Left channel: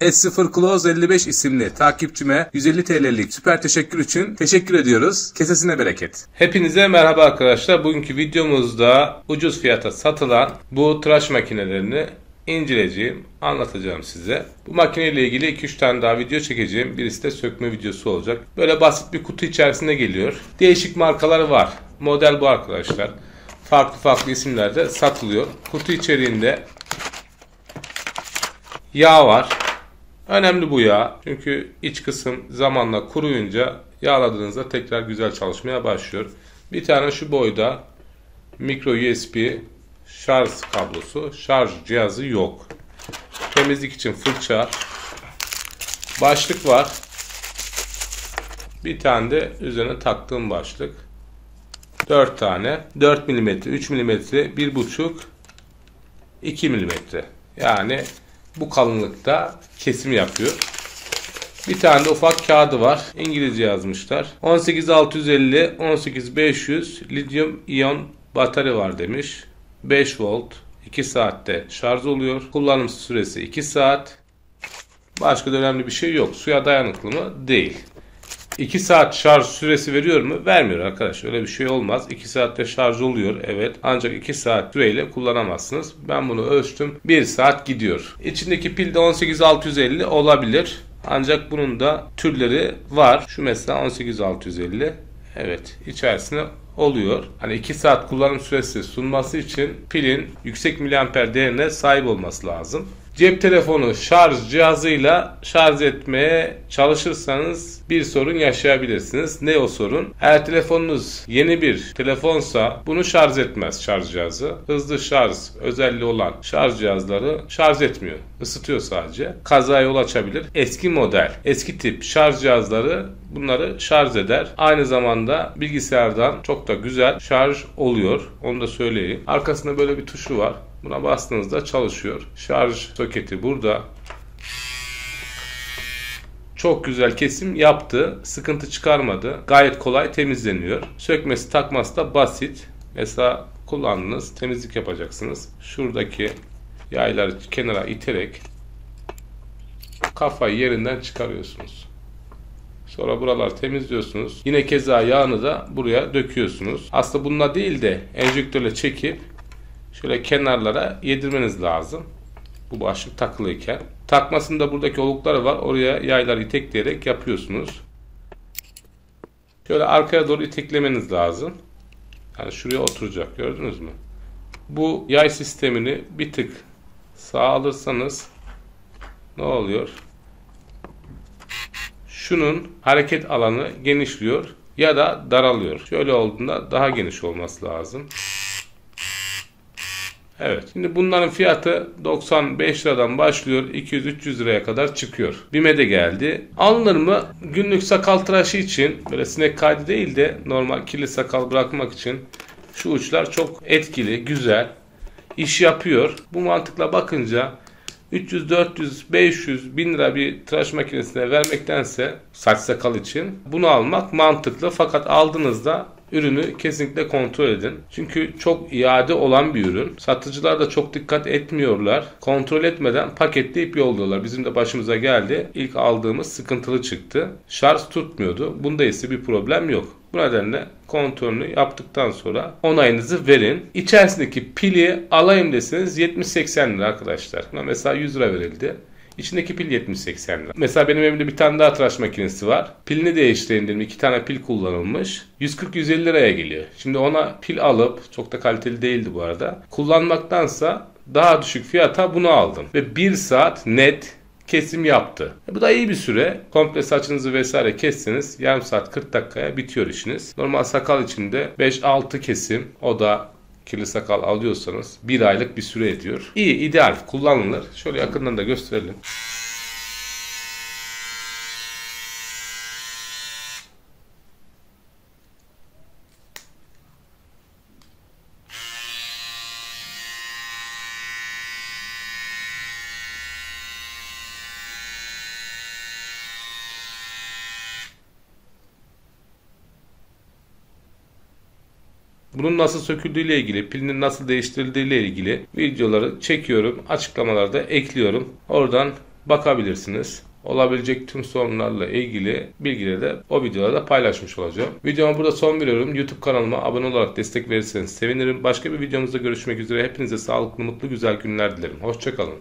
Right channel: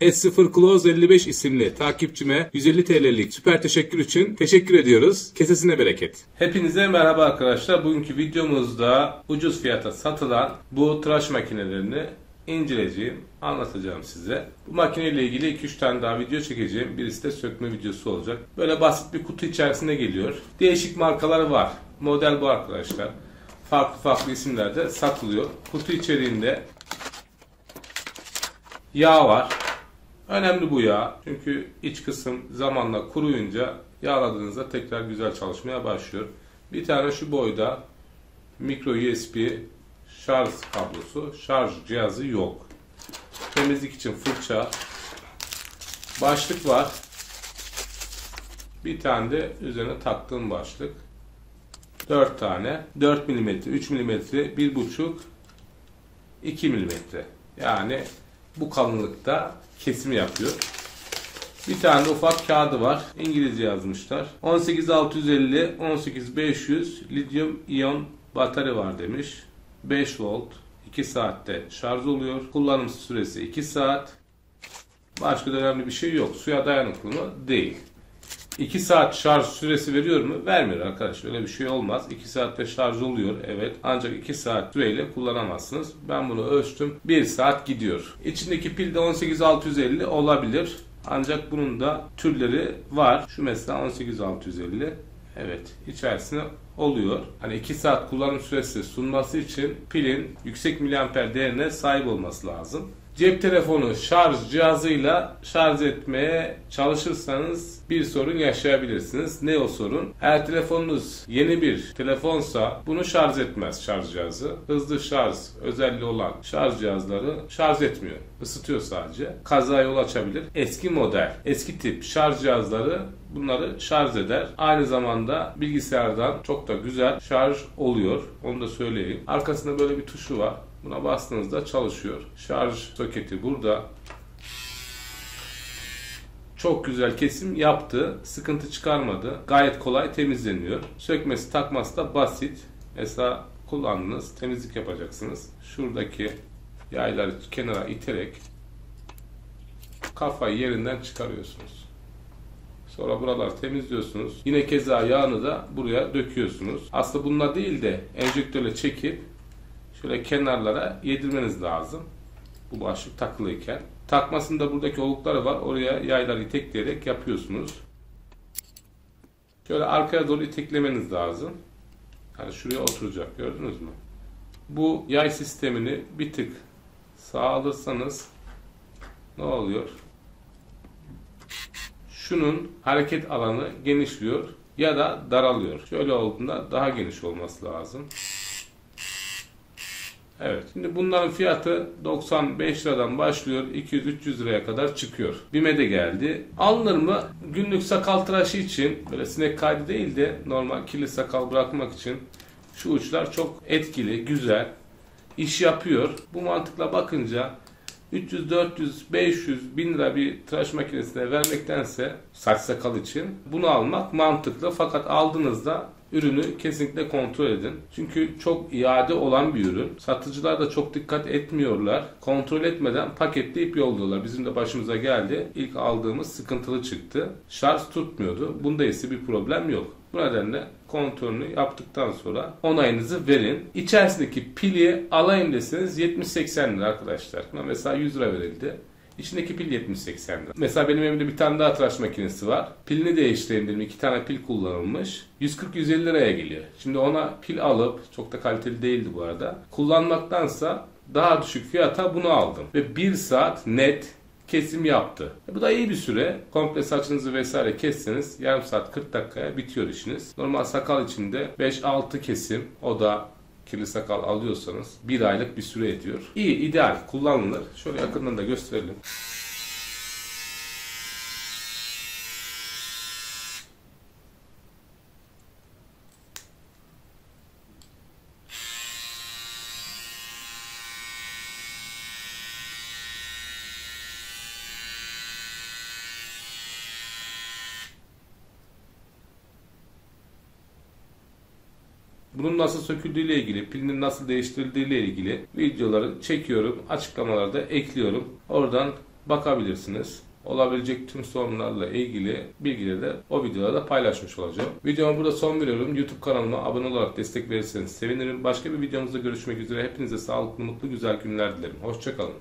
S0 Close 55 isimli takipçime 150 TL'lik süper teşekkür için teşekkür ediyoruz. Kesesine bereket. Hepinize merhaba arkadaşlar. Bugünkü videomuzda ucuz fiyata satılan bu tıraş makinelerini inceleyeceğim, anlatacağım size. Bu makineyle ilgili 2-3 tane daha video çekeceğim. Birisi de sökme videosu olacak. Böyle basit bir kutu içerisinde geliyor. Değişik markaları var. Model bu arkadaşlar. Farklı farklı isimlerde satılıyor. Kutu içeriğinde yağ var. Önemli bu yağ. Çünkü iç kısım zamanla kuruyunca yağladığınızda tekrar güzel çalışmaya başlıyor. Bir tane şu boyda micro USB şarj kablosu, şarj cihazı yok. Temizlik için fırça, başlık var. Bir tane de üzerine taktığım başlık. 4 tane. 4 mm, 3 mm, 1,5, 2 mm. Yani bu kalınlıkta kesim yapıyor. Bir tane de ufak kağıdı var. İngilizce yazmışlar. 18650, 18500 lityum iyon batarya var demiş. 5 volt, 2 saatte şarj oluyor. Kullanım süresi 2 saat. Başka da önemli bir şey yok. Suya dayanıklı mı? Değil. 2 saat şarj süresi veriyor mu? Vermiyor arkadaşlar. Öyle bir şey olmaz. 2 saatte şarj oluyor. Evet. Ancak 2 saat süreyle kullanamazsınız. Ben bunu ölçtüm. 1 saat gidiyor. İçindeki pil de 18650 olabilir. Ancak bunun da türleri var. Şu mesela 18650. Evet. İçerisine oluyor. Hani 2 saat kullanım süresi sunması için pilin yüksek miliamper değerine sahip olması lazım. Cep telefonu şarj cihazıyla şarj etmeye çalışırsanız bir sorun yaşayabilirsiniz. Ne o sorun? Eğer telefonunuz yeni bir telefonsa bunu şarj etmez şarj cihazı. Hızlı şarj özelliği olan şarj cihazları şarj etmiyor. Isıtıyor sadece. Kazaya yol açabilir. Eski model, eski tip şarj cihazları bunları şarj eder. Aynı zamanda bilgisayardan çok da güzel şarj oluyor. Onu da söyleyeyim. Arkasında böyle bir tuşu var. Buna bastığınızda çalışıyor. Şarj soketi burada. Çok güzel kesim yaptı. Sıkıntı çıkarmadı. Gayet kolay temizleniyor. Sökmesi takması da basit. Mesela kullandınız. Temizlik yapacaksınız. Şuradaki yayları kenara iterek kafayı yerinden çıkarıyorsunuz. Sonra buraları temizliyorsunuz. Yine keza yağını da buraya döküyorsunuz. Aslında bununla değil de enjektörle çekip şöyle kenarlara yedirmeniz lazım. Bu başlık takılıyken. Takmasında buradaki olukları var. Oraya yayları itekleyerek yapıyorsunuz. Şöyle arkaya doğru iteklemeniz lazım. Yani şuraya oturacak. Gördünüz mü? Bu yay sistemini bir tık sağa alırsanız ne oluyor? Şunun hareket alanı genişliyor ya da daralıyor. Şöyle olduğunda daha geniş olması lazım. Evet. Şimdi bunların fiyatı 95 liradan başlıyor. 200-300 liraya kadar çıkıyor. BİM'e de geldi. Alınır mı? Günlük sakal tıraşı için böyle sinek kaydı değil de normal kirli sakal bırakmak için şu uçlar çok etkili, güzel. İş yapıyor. Bu mantıkla bakınca 300, 400, 500, 1000 lira bir tıraş makinesine vermektense saç sakal için bunu almak mantıklı. Fakat aldığınızda ürünü kesinlikle kontrol edin. Çünkü çok iade olan bir ürün. Satıcılar da çok dikkat etmiyorlar. Kontrol etmeden paketleyip yolluyorlar. Bizim de başımıza geldi. İlk aldığımız sıkıntılı çıktı. Şarj tutmuyordu. Bunda ise bir problem yok. Bu nedenle kontrolünü yaptıktan sonra onayınızı verin. İçerisindeki pili alayım deseniz 70-80 lira arkadaşlar. Buna mesela 100 lira verildi. İçindeki pil 70-80 lira. Mesela benim evimde bir tane daha tıraş makinesi var. Pilini değiştireyim dedim. 2 tane pil kullanılmış. 140-150 liraya geliyor. Şimdi ona pil alıp, çok da kaliteli değildi bu arada, kullanmaktansa daha düşük fiyata bunu aldım. Ve 1 saat net kesim yaptı. Bu da iyi bir süre. Komple saçınızı vesaire kesseniz yarım saat 40 dakikaya bitiyor işiniz. Normal sakal için de 5-6 kesim, o da kirli sakal alıyorsanız 1 aylık bir süre ediyor. İyi, ideal, kullanılır. Şöyle yakından da gösterelim. Bunun nasıl söküldüğü ile ilgili, pilinin nasıl değiştirildiği ile ilgili videoları çekiyorum. Açıklamalarda ekliyorum. Oradan bakabilirsiniz. Olabilecek tüm sorunlarla ilgili bilgileri de o videolarda paylaşmış olacağım. Videoma burada son veriyorum. YouTube kanalıma abone olarak destek verirseniz sevinirim. Başka bir videomuzda görüşmek üzere. Hepinize sağlıklı, mutlu, güzel günler dilerim. Hoşça kalın.